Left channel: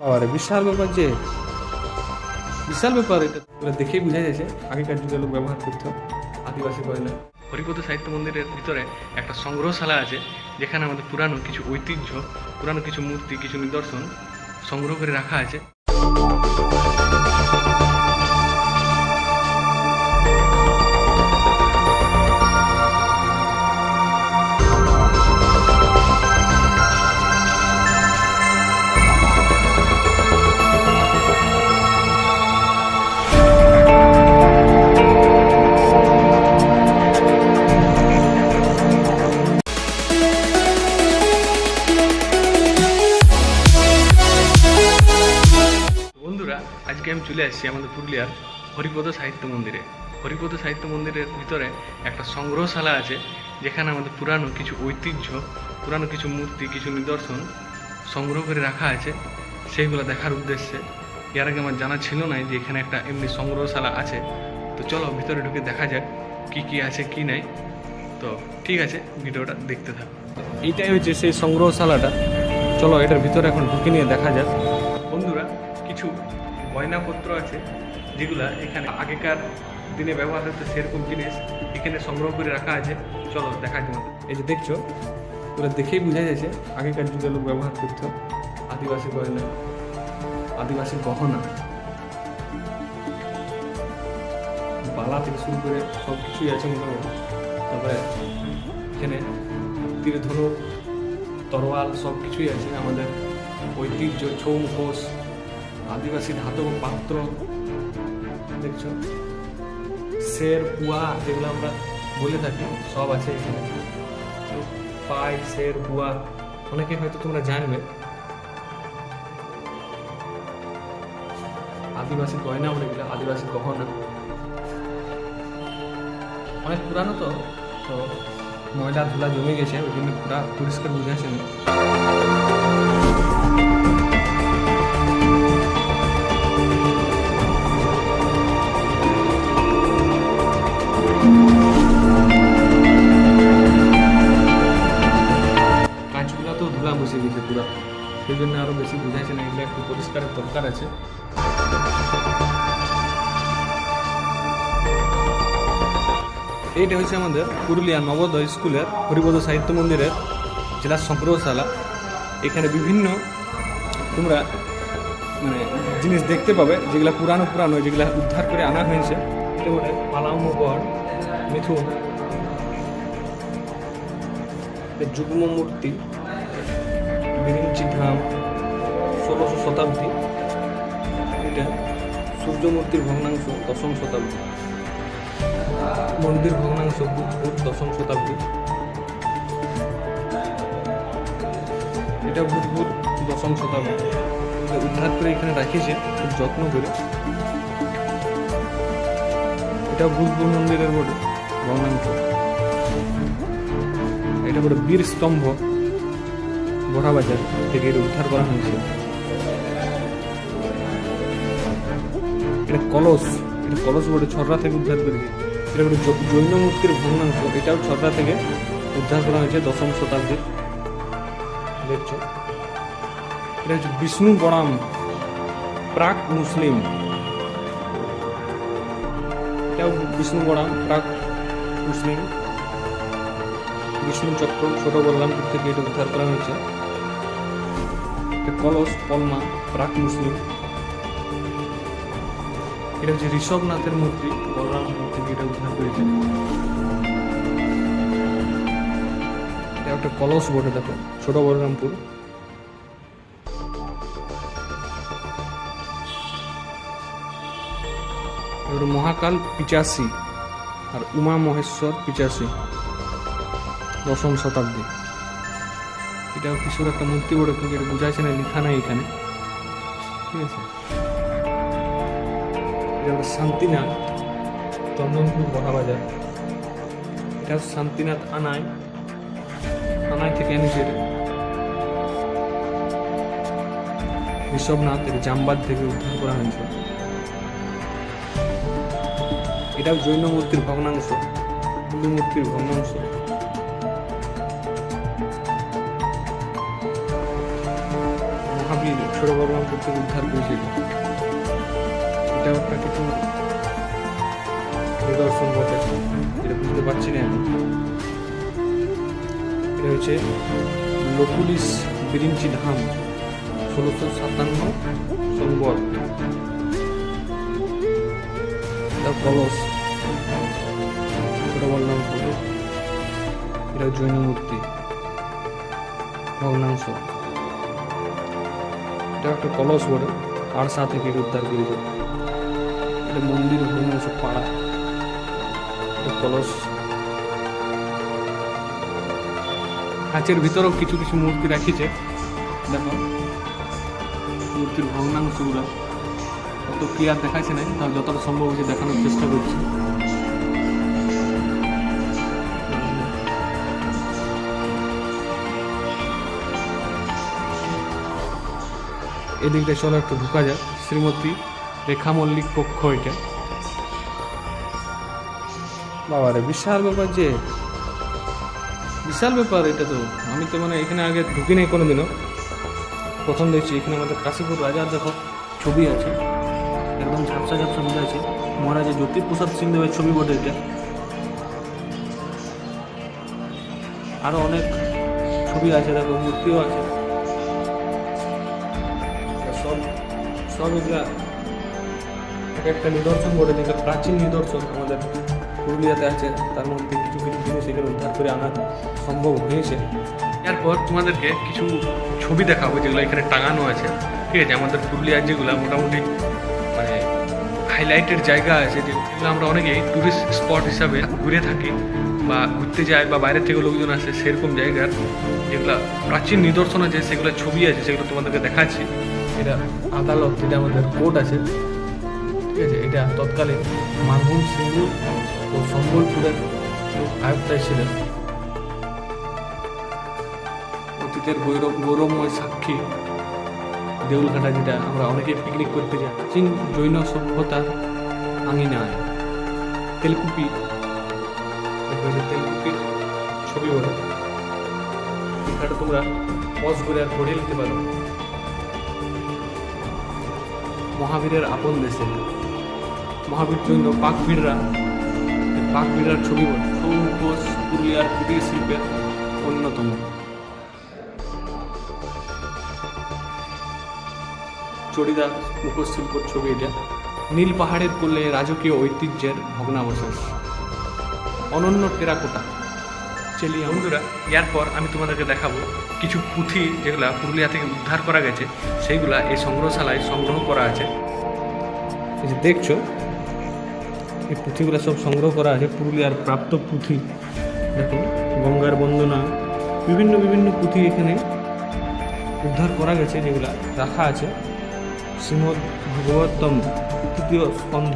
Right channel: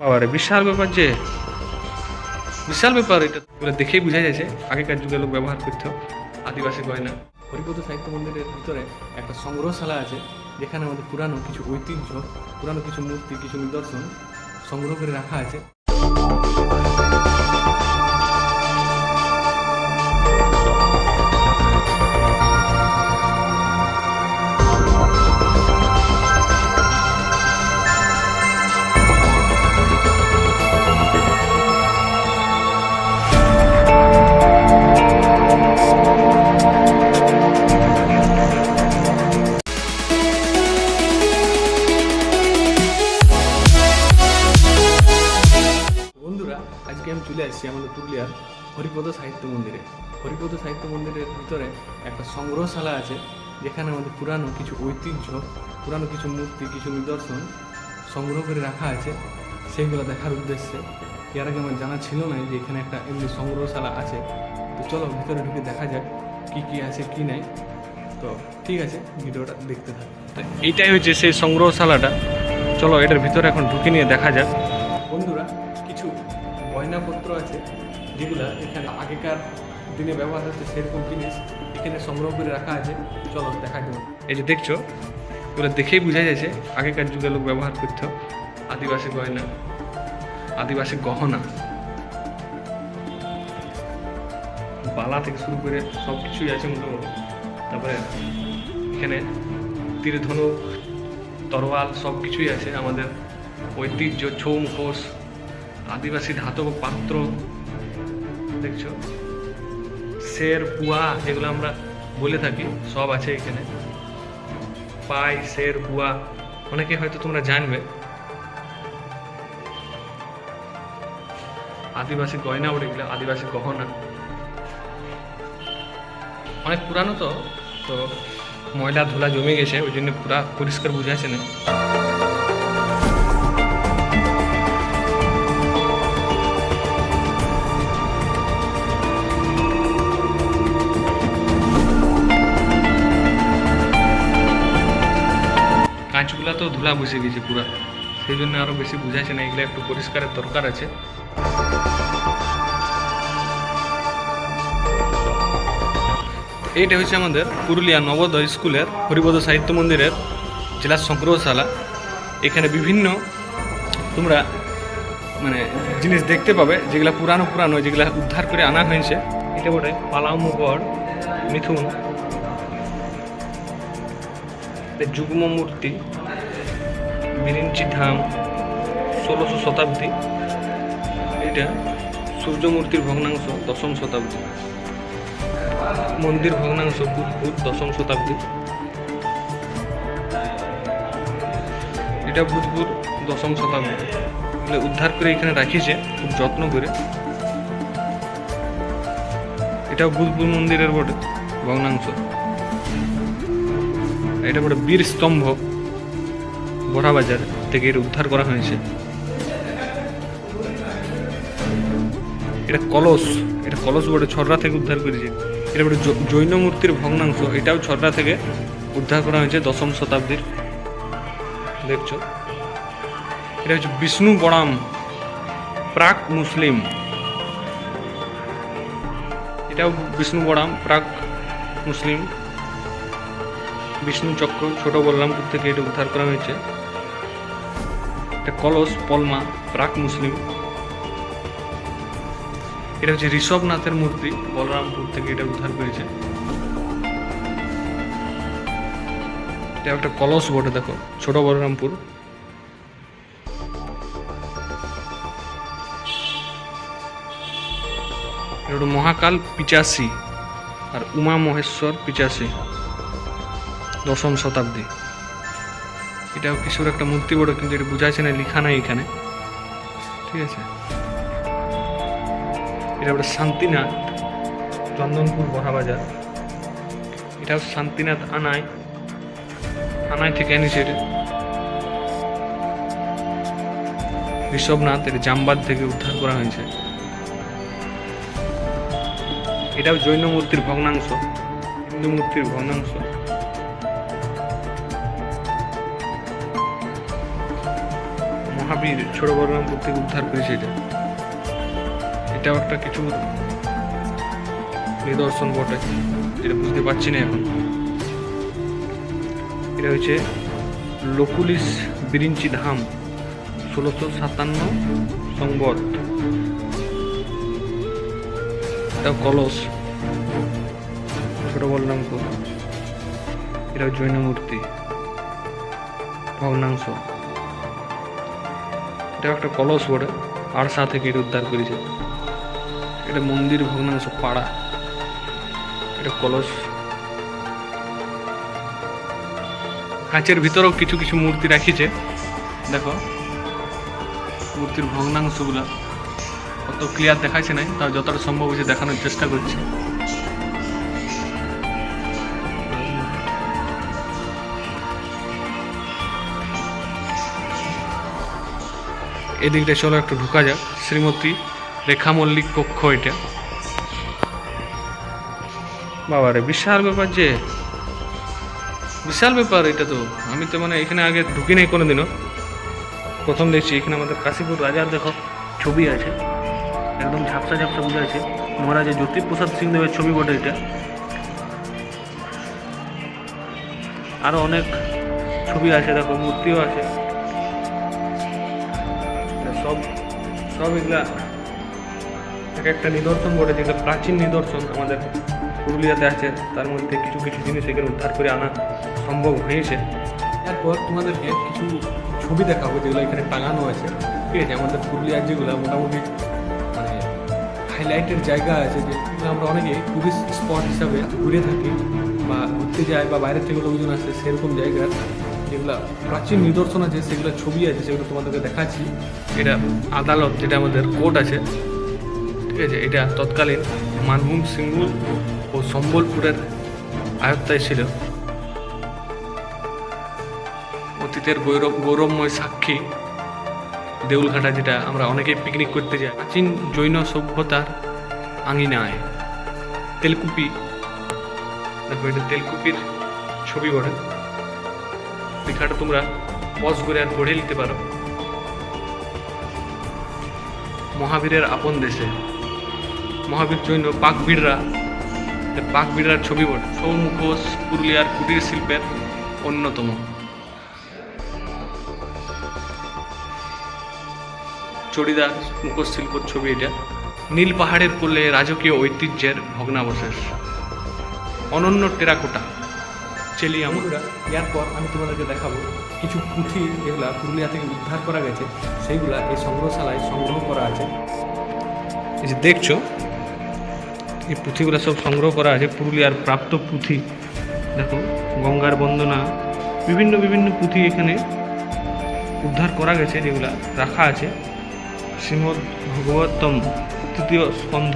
বাবারে, বিশাল ব্যাপার যে। বিশাল ব্যাপার, এটা দেখেই বোঝা যাচ্ছে। আগেকার যুগে লোক ব্যবহার করত, আদিবাসী গয়না। হরিপদ সাহিত্য মন্দিরের ভিতরে একটা সংগ্রহশালা আছে, যেখানে আমাদের পুরানো কিছু ঐতিহ্য, পুরানো কিছু মূর্তি, কিছু নিদর্শন সংগ্রহ করে রাখা আছে। আজকে আমি চলে আসছি আমাদের পুরুলিয়ার হরিপদ সাহিত্য মন্দিরে। হরিপদ সাহিত্য মন্দিরের ভিতরে একটা সংগ্রহশালা আছে, যেখানে আমাদের পুরানো কিছু ঐতিহ্য, পুরানো কিছু মূর্তি, কিছু নিদর্শন সংগ্রহ করে রাখা আছে। সেইগুলো দেখার উদ্দেশ্যে এর আগে আমার জানা ছিল না যে এখানে একটা এমনি সংগ্রহশালা আছে। তো চলো ভিতরে ঢুকে দেখা যাক কি কি আছে, কি নাই। তো ঠিক আছে, ভিডিওটা দেখতে থাকো। এইটাই হচ্ছে সেই সংগ্রহশালাটা। চলো এটার ভিতরে এখন ঢুকে নিয়ে দেখা যাক। গয়নাপত্র আছে, যেগুলা এখানে আগেকার দিনে ব্যবহার হচ্ছে সেরকম জিনিস এখানে সংগ্রহ করে রাখা আছে। চলো দেখা যাবে এই যে দেখছ, এগুলো দেখেই বোঝা যাচ্ছে আগেকার যুগে লোক ব্যবহার করতো আদিবাসী গয়না, আদিবাসী গহনা। বালা থেকে শুরু করে সব কিছুই আছে মোটামুটি। তারপরে এখানে তীর ধনুক তরোয়াল সব কিছুই আছে আমাদের। ঐতিহ্য, ছৌ মুখোশ আদিবাসী ধাতব পাত্র, দেখছ? শের পুয়া যেগুলো আমরা বলে থাকি, সব আছে এখানে। পাই শের পুয়া, অনেকে হয়তো তোমরা জানবে। আদিবাসী গয়না উঠে গেলে আদিবাসী গহনা। অনেক পুরানো তো তো ময়লা ধুলা জমে গেছে, ওই জন্য পুরা পরিষ্কার বুঝাচ্ছে না। ধুলা বসে গেছে পুরা। সেই জন্য আরও বেশি বুঝাইছে না, এগুলো একটু পরিষ্কারের দরকার আছে। এইটা হচ্ছে আমাদের পুরুলিয়া নবোদয় স্কুলের হরিপদ সাহিত্য মন্দিরের জেলা সংগ্রহশালা এখানে বিভিন্ন তোমরা মানে জিনিস দেখতে পাবে, যেগুলা পুরানো পুরানো, যেগুলা উদ্ধার করে আনা হয়েছে। এটা বটে পালাও মুগড় মিথুন যুগ্ম মূর্তি। বিরিঞ্চি ধাম ষোলোশো শতাব্দী। এটা সূর্যমূর্তির ভগ্নাংশ দশম শতাব্দী। মন্দির ভগ্নাংশ বুধপুর দশম শতাব্দী। এটা বুধপুর দশম শতাব্দী। উদ্ধার করে এখানে রাখিছে খুব যত্ন করে। এটা বুধপুর মন্দিরের বটে, ভগ্নাংশ। এটা বড় বীর স্তম্ভ। বড়াবাজার থেকে এটা উদ্ধার করা হয়েছে। এটা কলস এটা কলস বটে ছড়রা থেকে উদ্ধার করেছে। এটা বটে জৈন মূর্তির ভগ্নাংশ, এটাও ছড়রা থেকে উদ্ধার করা হয়েছে দশম শতাব্দীর। দেখছ? এটা হচ্ছে বিষ্ণু বড়াম প্রাক মুসলিম। এটাও বিষ্ণু বড়াম প্রাক মুসলিম। বিষ্ণু চক্র, ছোট বলরামপুর থেকে এটা উদ্ধার করা হয়েছে। এটা কলস, পলমা প্রাক মুসলিম। এটা হচ্ছে ঋষভনাথের মূর্তি বলরামপুর থেকে এটা উদ্ধার করেছে। এটা একটা কলস বটে, দেখো, ছোট বলরামপুর। এটা মহাকাল পিচাসি, আর উমা মহেশ্বর পিচাসি, দশম শতাব্দী। এটাও কিছুর একটা মূর্তি বড়, কিন্তু এটা বোঝাচ্ছে না, লেখা নাই এখানে। ঠিক আছে? এটা ওটা শান্তিনাথ, চন্দনপুর মহাবাজার। এটাও শান্তিনাথ আনাই আনাই থেকে এনেছে এটা। ঋষভনাথ, এটা জামবাদ থেকে উদ্ধার করা হয়েছে। এটাও জৈন মূর্তির ভগ্নাংশ, হিন্দু মূর্তির ভগ্নাংশ। মহাবীর ছোট বলরামপুর থেকে উদ্ধার করেছে এটা। এটাও একটা কিছু নিদর্শন বটে, যেটা বুঝতে পারছি না এখন। এটা হচ্ছে লকুলিস বিরিঞ্চি ধাম, ষোলোশো সাতান্ন সংবত এটা কলস, ছোট বলরামপুর এটা জৈন মূর্তি ভগ্নাংশ। এটা একটা কলস বটে আরসা থেকে এটা উদ্ধার করেছে। এটা মন্দির ভগ্নাংশ পাড়া। এটা কলস কাঁচের ভিতরেও কিছু কিছু মূর্তি রাখিছে। দেখো, মূর্তির ভগ্নাংশগুলো। অত ক্লিয়ার দেখাচ্ছে নাই, তাও যতটা সম্ভব হয়েছে দেখানোর চেষ্টা করছি। এদিকটা চলো একটু ঢুকা যাক। শ্রীমতী রেখা মল্লিক কক্ষ এটা। বাবা রে বিশাল ব্যাপার যে। বিশাল ব্যাপার এটা তো। আমি তো মানে এখানে আগে ঢুকি নাই কোনোদিনও। প্রথম দেখছি এখানে আমাদের কাশীপুর রাজার দেখো ছবি আছে। একদম ঝাপসা ঝাপসা বোঝা আছে মহারাজা জ্যোতিপ্রসাদ সিং দেবের ছবি বটে এটা। আরও অনেক ছবি আছে, দেখো, মূর্তিও আছে। সব সব এগুলা এক একটা নিদর্শন বটে, যেগুলো প্রাচীন নিদর্শন আমাদের পুরুলিয়াতে আছে, তার মধ্যে কিছু কিছু জিনিস এখানে উদ্ধার করে আনা সম্ভব হয়েছে। এরপর তোমাদেরকে কিছু ছবি দেখাবো, যেগুলো এখানে টাঙানো আছে। ঠিক আছে, আমাদের পুরুলিয়ার যেগুলো মোটামুটি মানে হাইলাইটেড জায়গা আছে যেগুলো আমরা অনেকেই ট্যুরিস্ট স্পট হিসাবে ঘুরে থাকি বা ঘুরতে যায় বা বাইরে থেকে লোকজন আসে, সেরকম জায়গার যেগুলো প্রাচীন নিদর্শন আছে, সেগুলো ছবি আছে, সেগুলো তোমাদেরকে দেখাচ্ছি। এটা আদালত, যেটা আমাদের কোর্ট আছে, ঠিক আছে? এটা তৎকালীন মানভূম সিঙ্গুর ও সম্বলপুরের আয়ত্তায় ছিল। অতীতের গৌরব, গৌরবময় সাক্ষী দেউলঘাটা, যেটা আমরা অনেকেই পিকনিক করতে যাই। প্রাচীন জৈন সভ্যতার আঙিনায় তেলকুপি, দেখো এটা তেলকুপির ছবি বটে। লেখাটা তোমরা পজ করে আর পড়ে নিতে পারো। মহাবীরের আপন দেশে। মহাবীর জৈন পাকবিড়রা পাকবিড়ার ছবি বটে। ছৌ মুখোশ পুরুলিয়ার কুটির শিল্পের অন্যতম। চড়িদার মুখোশ শিল্পর ছবি এটা। নীল পাহাড়ের কোলে রাজকীয় ঐতিহ্যের ভগ্নাবশেষ। অনন্য টেরাকোটা। চেলিয়া বন্ধুরা এরপর আমি তোমাদেরকে দেখাবো কিছু পুঁথি যেগুলা পুরুলিয়া থেকে উদ্ধার করা গেছে, সেইগুলা এই সংগ্রহশালায় সংগ্রহ করা আছে। এই যে দেখছ, এই পুঁথিগুলো সব সংগ্রহ করা আছে, পুরুলিয়ার প্রাপ্ত পুঁথি। দেখো, গঙ্গার বন্দনা, বিভিন্ন বিভিন্ন পুঁথি এখানে উদ্ধার করা গেছে, যেগুলা রাখা আছে। শ্রীমদ্ ভগবতম তৃতীয় স্কন্ধ।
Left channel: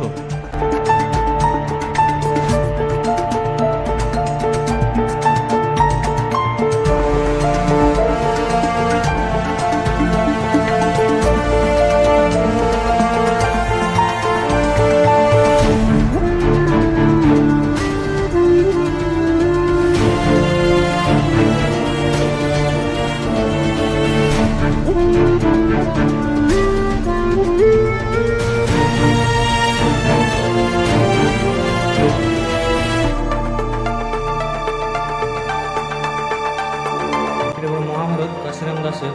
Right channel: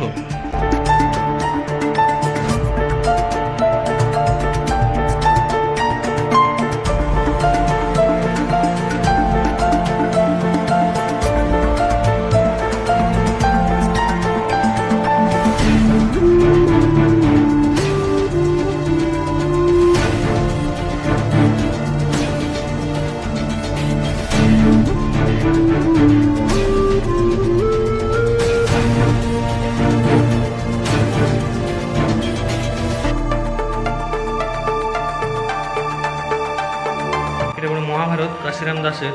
এটা কোনো মহাভারত, কাশিরাম দাসের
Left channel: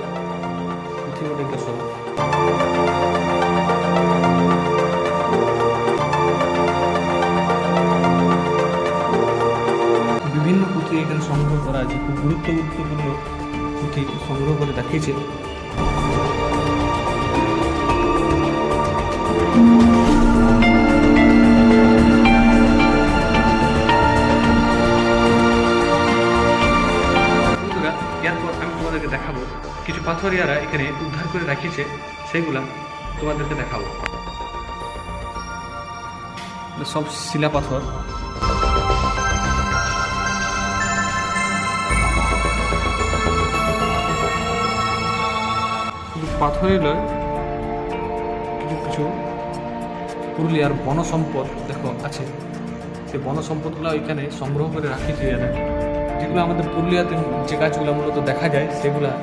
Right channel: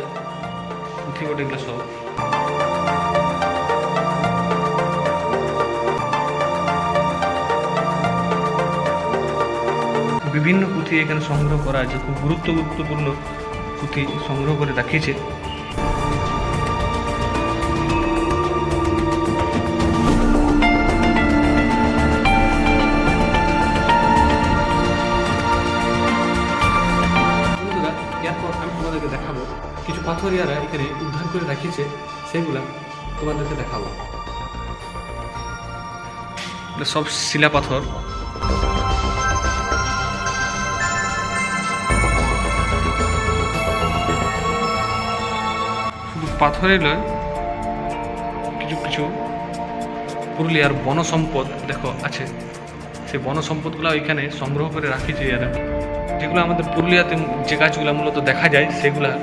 পুঁথি বটে এগুলো সব। বিভিন্ন পুঁথি এখানে সংগ্রহ করা আছে, খুব গুরুত্ব গুরুত্বপূর্ণ পুঁথি সংগ্রহ করে রাখিয়েছে পাথরিয়ারা এখানে উদ্ধার করে রাখিয়েছে, সেগুলা তোমাদেরকে দেখাবো। সব শিলা পাথর। শুধু পাথরই নয় কিছু কিছু পুরুলিয়ার বন সম্পদ দেখো, আছে। সেই বন সম্পদগুলো এখানে সংগ্রহ করে রাখিয়েছে যেগুলো আমাদের পুরুলিয়াতে যে গাছগুলো মূলত দেখা যায়, সেগুলা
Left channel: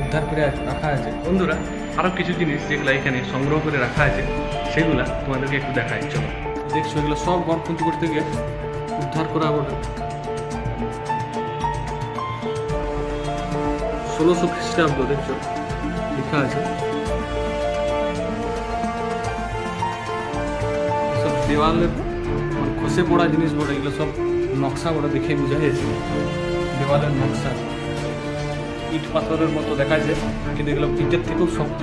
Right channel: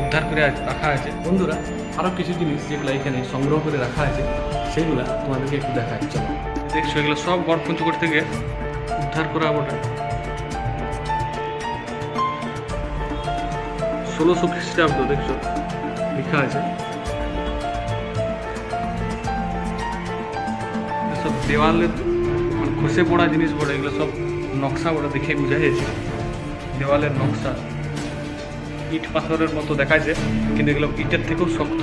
উদ্ধার করে রাখা আছে। বন্ধুরা আরও কিছু জিনিস যেগুলো এখানে সংগ্রহ করে রাখা আছে, সেগুলা তোমাদেরকে একটু দেখাই, চলো। দেখছ, এগুলো সব গড় পঞ্চকোট থেকে উদ্ধার করা বটে ষোলোশো খ্রিস্টাব্দ, দেখছ, লেখা আছে। সব দেওয়ালের মানে খসে পড়া জিনিস বলে এগুলো সব নকশা বলে দেখে বোঝা যাচ্ছে দেওয়ালের নকশা। ইট পাথরের মতো দেখাচ্ছে কিন্তু এগুলো ইটের থেকেও শক্ত।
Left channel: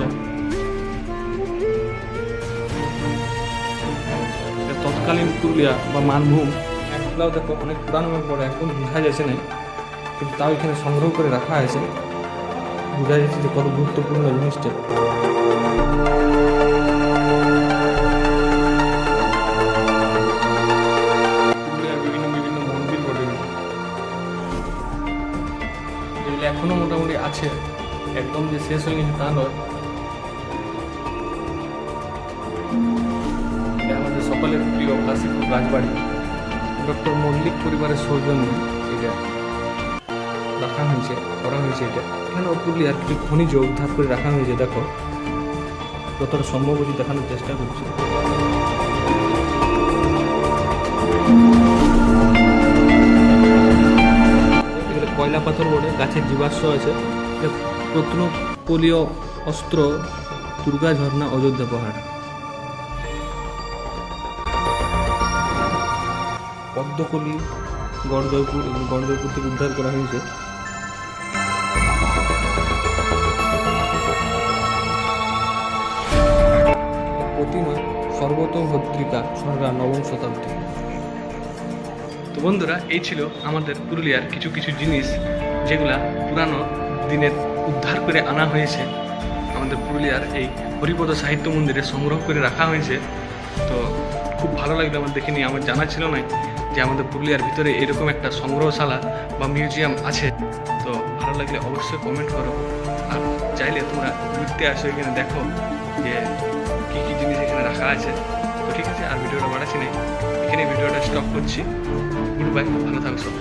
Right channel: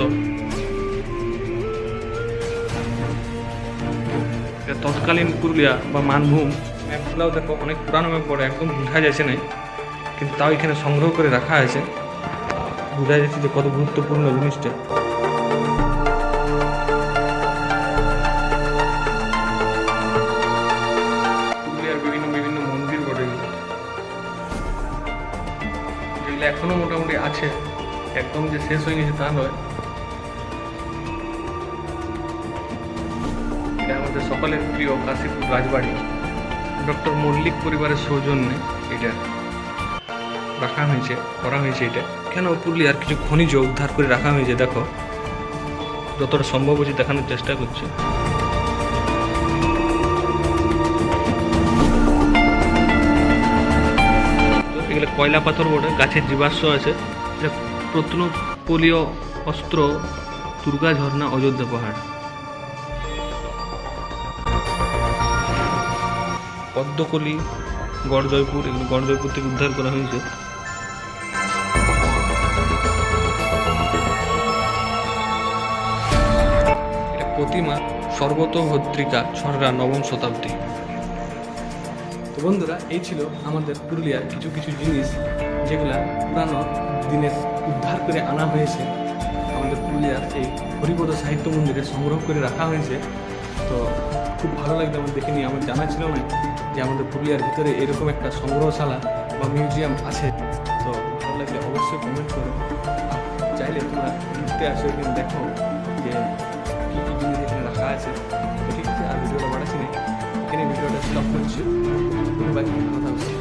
তৎকালীন পুরুলিয়া বা মানভূম, এগুলাও দেখো অনেক পুরানো ম্যাপ পড়ে একদম বোঝা যাচ্ছে নাই, কিন্তু তাও এখানে সংগ্রহ করে রাখা হয়েছে। বোঝা যাচ্ছে যে কত গুরুত্বপূর্ণ জিনিসটা। এখনও মোটামুটি আছে। একদম যে শেষ হয়ে গেছে তা নয়। আমাদের সকলের প্রিয় কাশীপুর রাজবাড়ি। ডক্টর মল্লিক পরিবারের সৌজন্যে এটা রাখা হয়েছে, করা হয়েছে এটা। কেন পুরুলিয়ার কিছু খনিজ উদ্ধার করে রাখা হয়েছে দেখো? যতটা সম্ভব হচ্ছে দেখানোর চেষ্টা করছি। এগুলো কয়লা পাথর বটে, গাছের জীবাশ্ম আছে। এটা প্রত্নপলীয় অস্ত্র, দুর্গা ঝর্ণা, অযোধ্যা পাহাড়। পদ্মকলি গড় জয়পুর এগুলো গড় জয়পুর থেকে উদ্ধার করা হয়েছে। প্রতিমা সর্বতভদ্রিকা ছড়রা নবম শতাব্দী। তো বন্ধুরা, এই ছিল আমাদের পুরুলিয়ার কিছু কিছু জিনিস যেগুলা পুরানো দিনের উদ্ধার করে আনা হয়েছে। আমাদের পুরুলিয়ার এই হরিপদ সাহিত্য মন্দিরে সংগ্রহ করে রাখা হয়েছে। তো খুব ভালো লাগল আমার দেখে নিয়ে। আমার জানা ছিল না যে আমাদের পুরুলিয়ার ভিতরে এরকম একটা সংগ্রহশালা বা মিউজিয়াম আছে। তো ভালো লাগলে অবশ্যই কমেন্ট করো। আর চাইলে তোমরা ঘুরতে আসো, এখানে দেখো যে কী কী জিনিস এখানে রাখা আছে। তো ঠিক আছে, আর ভিডিওটা বাড়াচ্ছি না এখানে ভিডিওটা স্টপ করছি। গুড বাই ভালো থাকো সব